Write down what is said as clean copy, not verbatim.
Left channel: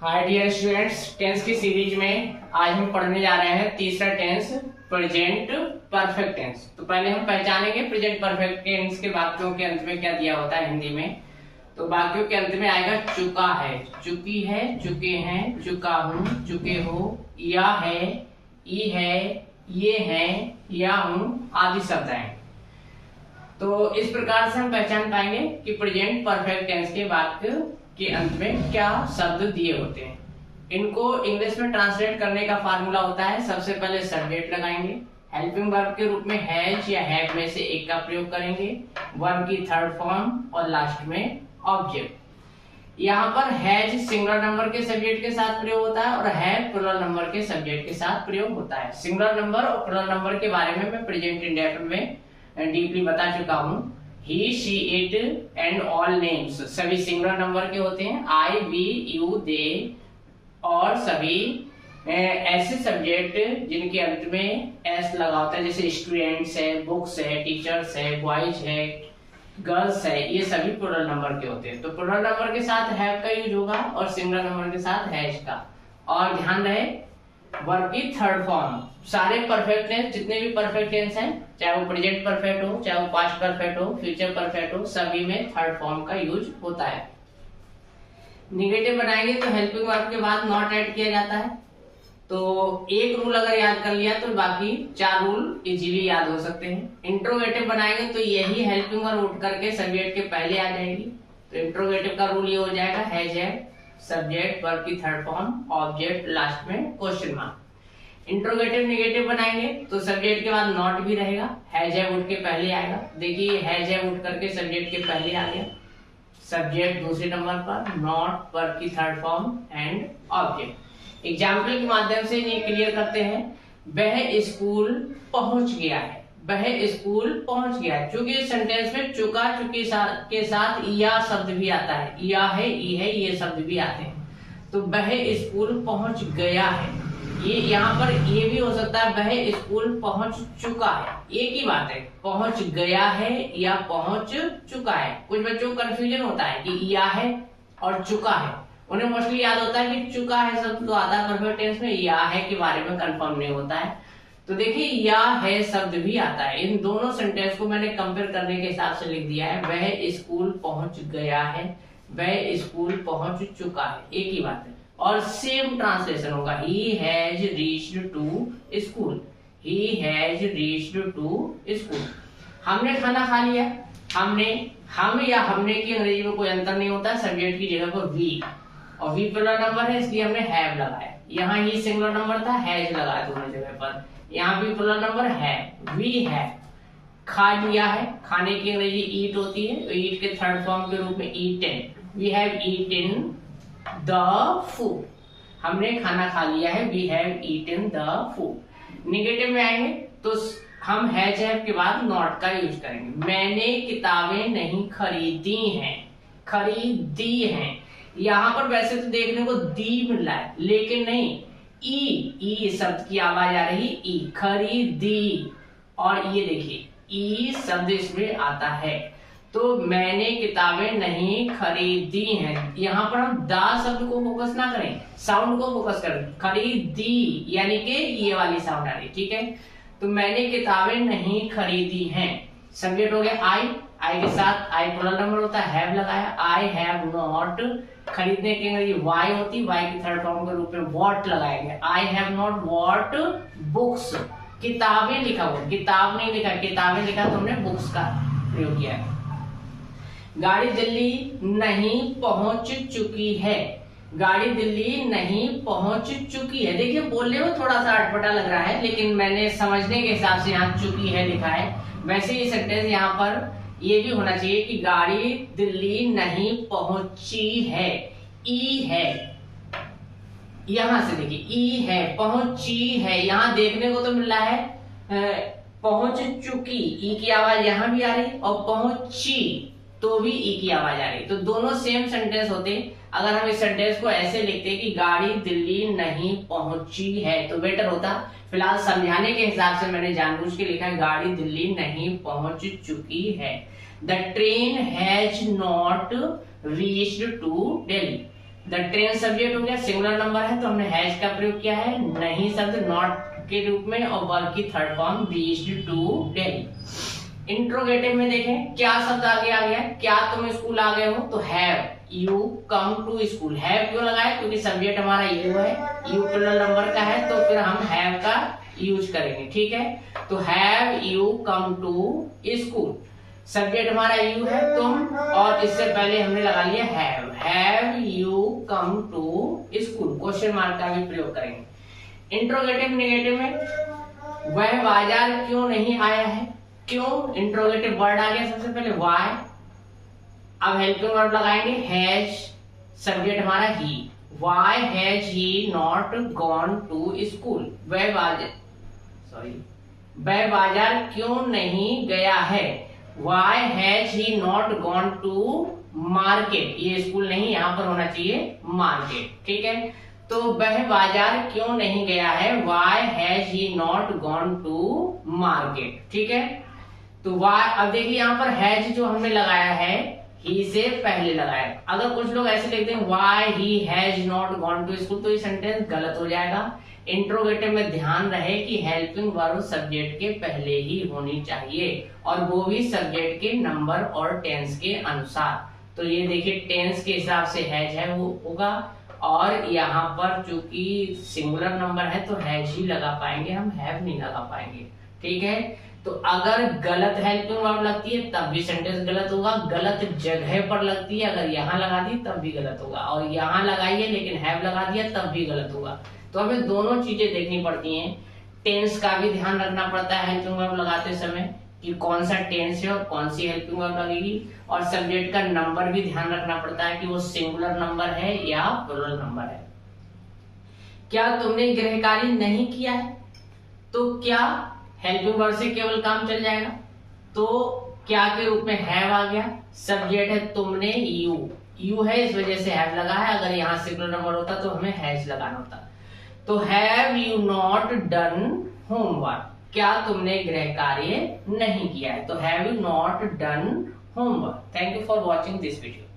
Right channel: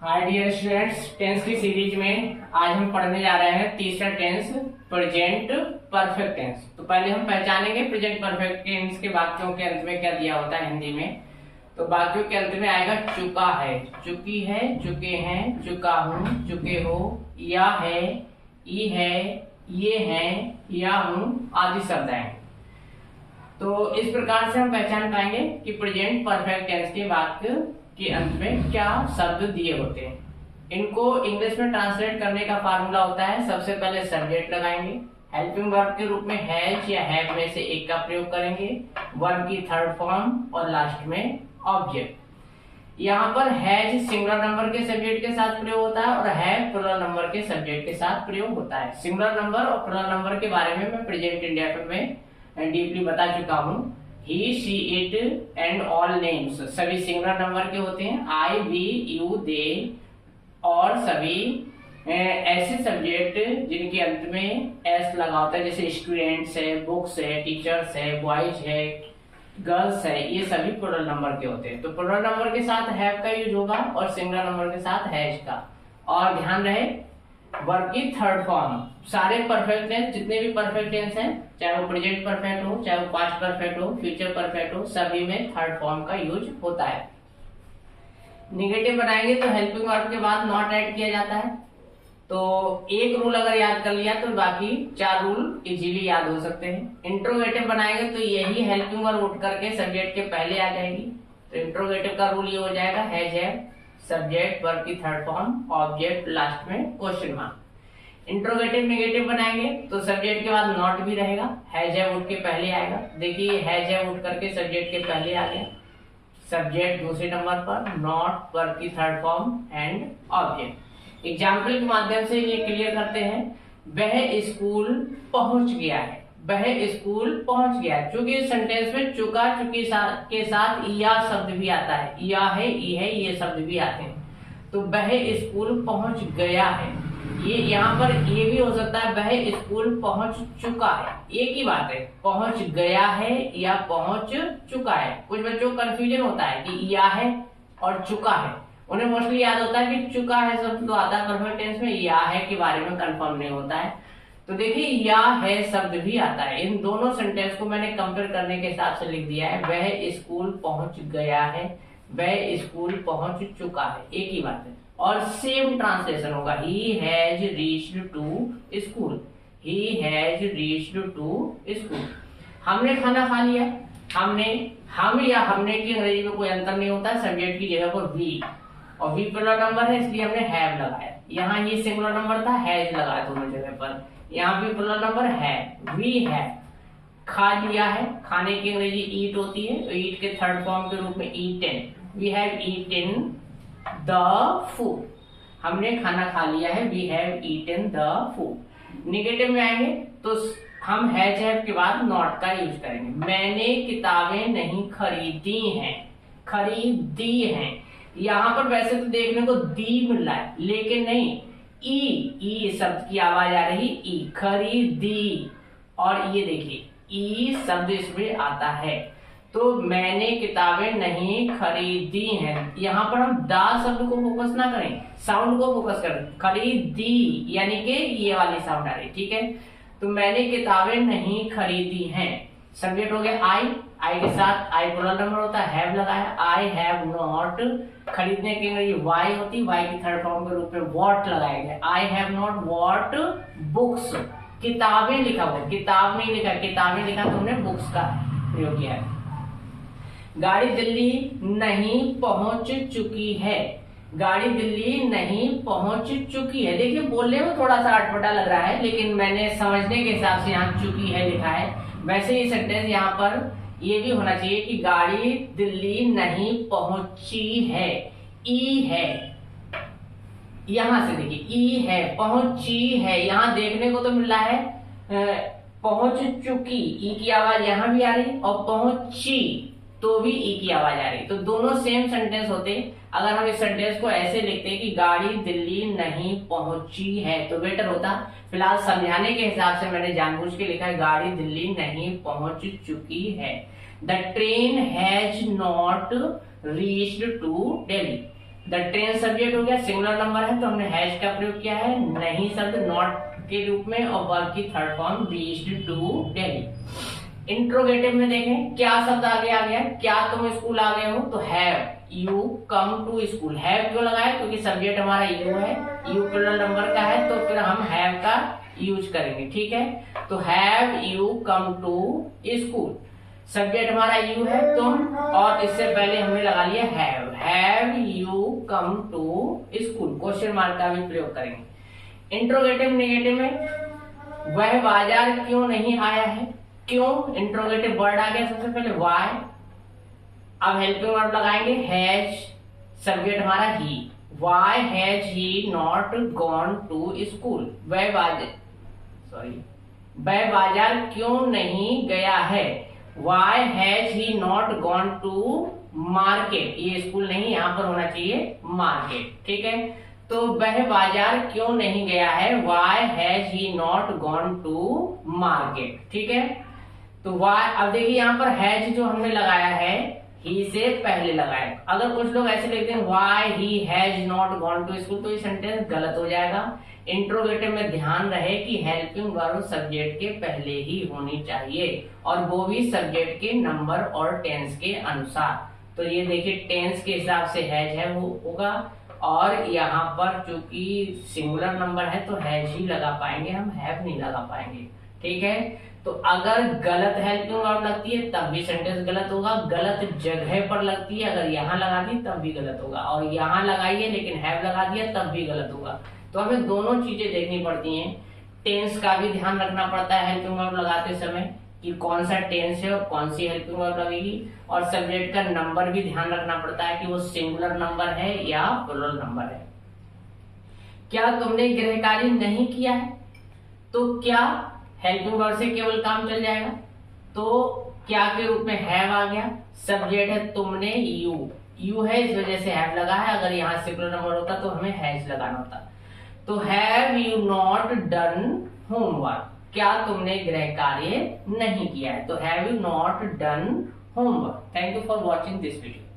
Hi dear students, tense की series में आज हम पढ़ने जा रहे हैं तीसरा टेंस प्रेजेंट परफेक्ट टेंस। तो पहले हम पहचानेंगे प्रेजेंट परफेक्ट टेंस के वाक्यों के अंत में क्या दिया होता है हिंदी में। तो वाक्यों के अंत में आएगा चुका है, चुकी है, चुके हैं, चुका हूँ, चुके हो, या है, ई है, ये है, या हूँ आदि शब्द हैं। तो इस प्रकार से हम पहचान पाएंगे कि प्रेजेंट परफेक्ट टेंस के वाक्य के अंत में क्या शब्द दिए होते हैं। इनको इंग्लिश में ट्रांसलेट करने का फार्मूला होता है, सबसे पहले सब्जेक्ट लगाएंगे, हेल्पिंग वर्ब के रूप में हैज या हैव में से एक का प्रयोग करेंगे, वर्ब की थर्ड फॉर्म और लास्ट में ऑब्जेक्ट। यहाँ पर हैज सिंगुलर नंबर के सब्जेक्ट के साथ प्रयोग होता है और हैव प्लूरल नंबर के सब्जेक्ट के साथ प्रयोग होता है। सिंगुलर नंबर और प्लूरल नंबर के बारे में मैं प्रेजेंट इंडेफिनिट में डीपली बता चुका हूँ। He, she, it and all names सभी सिंगुलर नंबर के होते हैं। आई, वी, यू, दे और सभी ऐसे सब्जेक्ट जिनके अंत में एस लगा होता है, जैसे स्टूडेंट्स है, बुक्स है, टीचर्स है, बॉयज है, गर्ल्स है, ये सभी प्लूरल नंबर के होते हैं। तो प्लूरल नंबर के साथ हैव का यूज होगा और सिंगुलर नंबर के साथ हैज का। और ध्यान रहे वर्ब की थर्ड फॉर्म, सारे परफेक्ट टेंस जितने भी परफेक्ट टेंस हैं, चाहे वो प्रेजेंट परफेक्ट हो, चाहे वो पास्ट परफेक्ट हो, फ्यूचर परफेक्ट हो, सभी में थर्ड फॉर्म का यूज होता है। निगेटिव बनाएंगे तो हेल्पिंग वर्ब के बाद नॉट ऐड किया जाता है। तो एक रूल अगर याद कर लिया तो बाकी चार रूल इजीली याद हो सकते हैं। इंट्रोगेटिव बनाएंगे तो यही हेल्पिंग वर्ब उठ करके सब्जेक्ट के पहले आ जाएगी। तो इंट्रोगेटिव का रूल ये हो जाएगा, हैज है, सब्जेक्ट, वर्ब की थर्ड फॉर्म, ऑब्जेक्ट, लास्ट में क्वेश्चन मार्क। इंट्रोगेटिव नेगेटिव बनाएंगे तो सब्जेक्ट के बाद नॉट भी रहेगा, हैज है उठ के पहले आएगा। देखिए हैज है उठ करके सब्जेक्ट के पहले आ गया, सब्जेक्ट दूसरे नंबर पर, नॉट वर्ब की third form and object. Example के माध्यम से ये क्लियर करते हैं। वह स्कूल पहुंच गया है, वह स्कूल पहुंच गया। चूंकि इस सेंटेंस में चुका चुकी के साथ या शब्द भी आता है, या है, ई है, ये शब्द भी आते हैं। तो वह स्कूल पहुंच गया है, ये यहाँ पर ये भी हो सकता है वह स्कूल पहुंच चुका है, एक ही बात है, पहुंच गया है या पहुंच चुका है। कुछ बच्चों को कंफ्यूजन होता है कि या है और चुका है, उन्हें मोस्टली याद होता है कि चुका है शब्द तो आता है परफेक्ट टेंस में, या है के बारे में कंफर्म नहीं होता है। तो देखिए या है शब्द भी आता है। इन दोनों सेंटेंस को मैंने कंपेयर करने के हिसाब से लिख दिया है, वह स्कूल पहुंच गया है, वह स्कूल पहुंच चुका है, एक ही बात है। और सेम ट्रांसलेशन होगा, he has reached to school, he has reached to school. हमने खाना खा लिया, हमने, हम या हमने की अंग्रेजी में कोई अंतर नहीं होता है, सब्जेक्ट की जगह पर वी, और वी प्लूरल नंबर है इसलिए हमने हैव लगाया। यहाँ ही सिंगुलर नंबर था, हैज लगाया दोनों जगह पर। यहाँ भी प्लूरल नंबर है, वी है, खा लिया है, खाने की अंग्रेजी ईट होती है, तो ईट के थर्ड फॉर्म के रूप में eaten, we have eaten the food, हमने खाना खा लिया है, we have eaten the food. Negative में आएंगे तो हम हैज हैव के बाद नॉट का यूज करेंगे। मैंने किताबें नहीं खरीदी हैं, खरीदी हैं। यहाँ पर वैसे तो देखने को दी मिल रहा है, लेकिन नहीं, ई शब्द की आवाज आ रही, ई, खरीदी। और ये देखिए ई शब्द इसमें आता है। तो मैंने किताबें नहीं खरीदी हैं, यहाँ पर हम दा शब्द को फोकस ना करें, साउंड को फोकस करें, खरीदी यानी कि ये वाली साउंड आ रही, ठीक है। तो मैंने किताबें नहीं खरीदी हैं, सब्जेक्ट हो गया आई, आई के साथ आई प्लूरल नंबर होता है, हैव लगाया, आई हैव नॉट, खरीदने की अंग्रेजी वाई होती, वाई की थर्ड फॉर्म के रूप में वॉट लगाया गया, I have not what books, किताबें लिखा हुआ, किताब नहीं लिखा, किताबें लिखा तो हमने बुक्स का प्रयोग किया है। गाड़ी दिल्ली नहीं पहुंच चुकी है, गाड़ी दिल्ली नहीं पहुंच चुकी है। देखिए बोलने में थोड़ा सा अटपटा लग रहा है, लेकिन मैंने समझने के हिसाब से यहाँ चुकी है लिखा है। वैसे ये सेंटेंस यहाँ पर ये भी होना चाहिए कि गाड़ी दिल्ली नहीं पहुंची है, ई है, यहां से देखिए ई है, पहुंची है, यहां देखने को तो मिल रहा है पहुंच चुकी, ई की आवाज यहां भी आ रही और पहुंची तो भी ई की आवाज आ रही, तो दोनों सेम सेंटेंस होते। अगर हम इस सेंटेंस को ऐसे लिखते कि गाड़ी दिल्ली नहीं पहुंची है तो बेटर होता। फिलहाल समझाने के हिसाब से मैंने जानबूझ के लिखा है गाड़ी दिल्ली नहीं पहुंच चुकी है। The train has not reached to Delhi, the train subject हो गया, सिंगुलर नंबर है तो हमने हैज का प्रयोग किया है, नहीं शब्द नॉट के रूप में, और वर्ब की third form reached to Delhi. Interrogative में देखें क्या शब्द आगे आ गया, क्या तुम स्कूल आ गए हो, तो have you come to school. Have क्यों लगाया, क्योंकि सब्जेक्ट हमारा यू है, यू प्लूरल नंबर का है, तो फिर हम हैव का यूज करेंगे, ठीक है। तो have you come to school, subject हमारा यू है तुम, और इससे पहले हमने लगा लिया have you come to school, question mark का भी प्रयोग करेंगे। इंट्रोगेटिव नेगेटिव में वह बाजार क्यों नहीं आया है, क्यों इंट्रोगेटिव वर्ड आ गया सबसे पहले व्हाई, अब हेल्पिंग वर्ब लगाएंगे हैज, सब्जेक्ट हमारा he, why has he not gone to school, वह बाजार क्यों नहीं गया है, why has he not gone to market, ये स्कूल नहीं यहाँ पर होना चाहिए मार्केट, ठीक है। तो वह बाजार क्यों नहीं गया है, why has he not gone to market, ठीक है। तो व्हाई, अब देखिए यहाँ पर हैज जो हमने लगाया है ही से पहले लगाया, अगर कुछ लोग ऐसे लिखते हैं why he has not gone to school, तो ये सेंटेंस गलत हो जाएगा। इंट्रोगेटिव में ध्यान रहे कि हेल्पिंग वर्ब सब्जेक्ट के पहले ही होनी चाहिए, और वो भी सब्जेक्ट के नंबर और टेंस के अनुसार। तो ये देखिए टेंस के हिसाब से हैज है वो होगा, और यहाँ पर चूंकि सिंगुलर नंबर है तो हैज ही लगा पाएंगे, हम हैव नहीं लगा पाएंगे, ठीक है। तो अगर गलत हेल्पिंग वर्ब लगती है तब भी सेंटेंस गलत होगा, गलत जगह पर लगती है, अगर यहाँ लगा दी तब भी गलत होगा, और यहाँ लगाई है लेकिन हैव लगा दिया तब भी गलत होगा। तो हमें दोनों चीजें देखनी पड़ती हैं, टेंस का भी ध्यान रखना पड़ता है हेल्पिंग वर्ब लगाते समय कि कौन सा टेंस है और कौन सी हेल्पिंग वर्ब लगेगी, और सब्जेक्ट का नंबर भी ध्यान रखना पड़ता है कि वो सिंगुलर नंबर है या प्लूरल नंबर है। क्या तुमने गृह कार्य नहीं किया है, तो क्या हेल्पिंग वर्ब से केवल काम चल जाएगा, तो क्या के रूप में हैव आ गया, सब्जेक्ट है तुमने यू है इस वजह से हैव लगा है, अगर यहाँ सिंगुलर नंबर होता तो हमें हैज लगाना होता। तो have you not done homework, क्या तुमने गृह कार्य नहीं किया है, तो have you not done homework. Thank you for watching this video.